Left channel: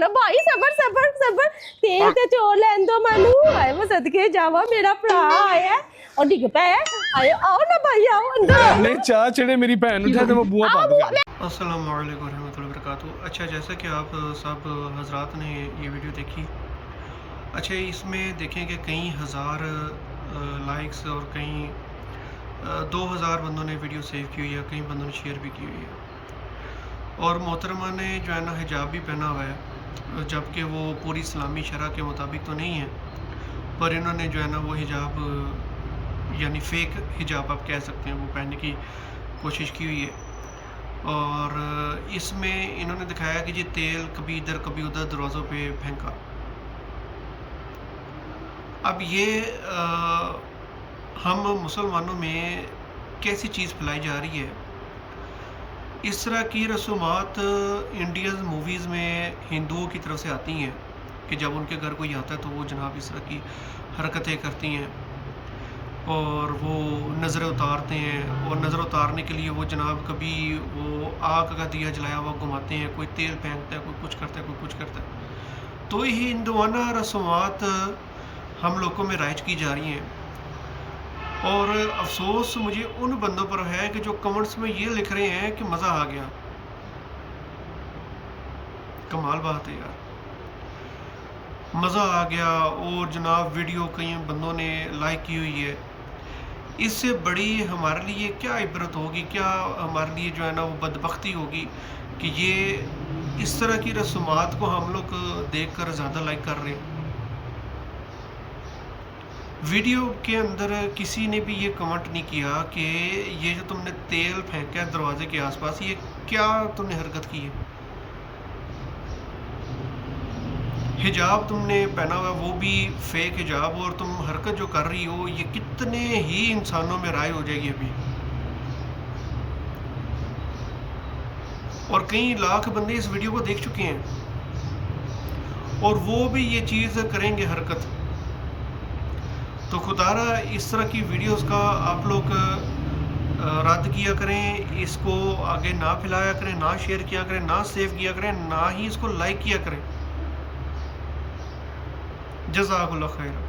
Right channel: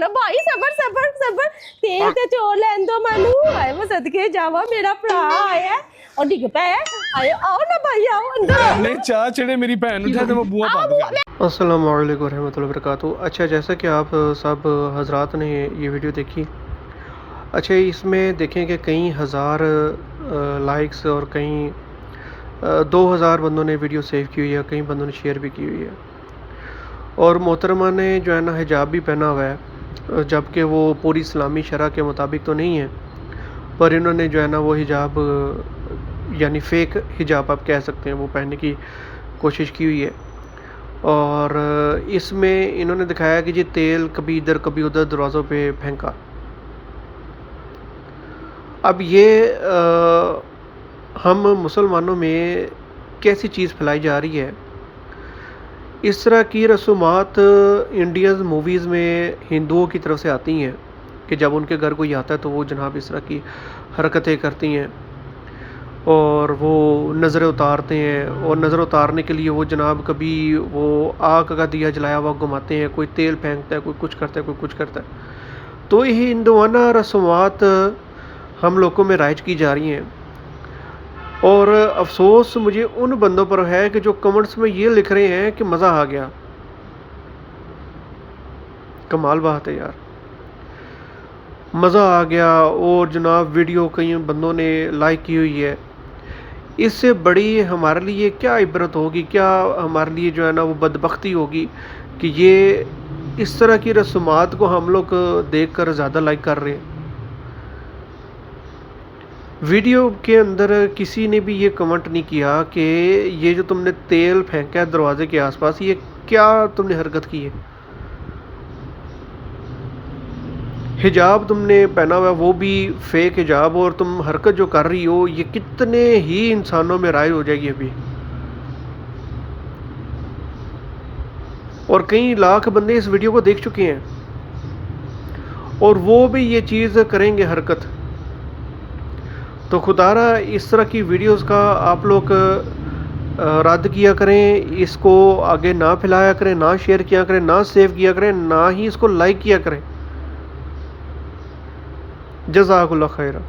ना भाई, सबर सबर सबर, तेल ते चोर लैन दो मैनू, आए मैं सदके जावा, मेरा भरा आया और डिग पे आए, आओ ना भाई आओ अंदर। नहीं चाह चढ़े मेरी भैन उठा तो मैं बुआ बंद कर। अस्सलाम वालेकुम रहमतुल्लाहि व बरकातुहू। अच्छा, जैसा कि आप सब हजरात ने ये वीडियो देखी, अच्छा इसमें देखें कि कई हज़ार लाइक्स और कई 2000 बंदों ने वीडियो सेव की हुई है, कई बंदों ने शेयर भी की हुई है। और मोहतरमा ने जो है ना हिजाब भी पहना हुआ है, जबकि वो पूरी इस्लामी शरह के मुताबिक तो नहीं है, पर इन्होंने जो है ना वो हिजाब यानी फ़ेक हिजाब आप कह सकते हैं वो पहनने की कोशिश की हुई है। और इसमें इन्होंने दिखाया कि जी तेल कभी इधर कभी उधर दरवाज़ों पे फेंका। अब ये हम मुसलमानों में कैसी चीज़ फैलाई जा रही है, इस तरह की रसूमात इंडियन मूवीज़ में हिंदुओं की तरफ से आती हैं कि जब उनके घर कोई आता है तो वो जनाब इस तरह की हरकतें करती हैं और वो नज़रें उतारते हैं। और नज़र उतारने के लिए वो जनाब कभी वो आग का दिया जलाया हुआ घुमाते हैं, कोई तेल फेंकता है, कोई कुछ करता है, कोई कुछ करता है। तो ये हिंदुआना रसूमात हम लोगों में राइज की जा रही हैं। और अफसोस मुझे उन बंदों पर है कि जो कमेंट्स में ये लिख रहे हैं कि मज़ा आ गया। कमाल बात है यार, मज़ा आ गया। और जनाब वीडियो कई बंदों ने लाइक की हुई है। इससे बड़ी हमारे लिए क्या इबरत होगी, क्या हमारे लिए जो है ना वो बदबख्ती होगी कि ये इस तरह की रसूमात को हम लोग देख कर ज़्यादा लाइक कर रहे हैं। वीडियो के अंदर किसी ने भी ये कमेंट नहीं किया कि ये जो तुमने तेल फेंका है दरवाजे के आसपास, ये क्या तुमने हरकत की है। हिजाब तुमने पहना हुआ वो भी फेक हिजाब, और तुम हरकत जो कर रही हो ये कितने ही इंसानों में राय हो जाएगी अभी। और कई लाख बंदे इस वीडियो को देख चुके हैं और वो भी ये चीज़ करेंगे हरकत। तो खुदारा इस तरह की वीडियोस का आप लोग रद्द किया करें, इसको आगे ना फैलाया करें, ना शेयर किया करें, ना सेव किया करें, ना ही इसको लाइक किया करें। जज़ाकुल्लाह खैरा।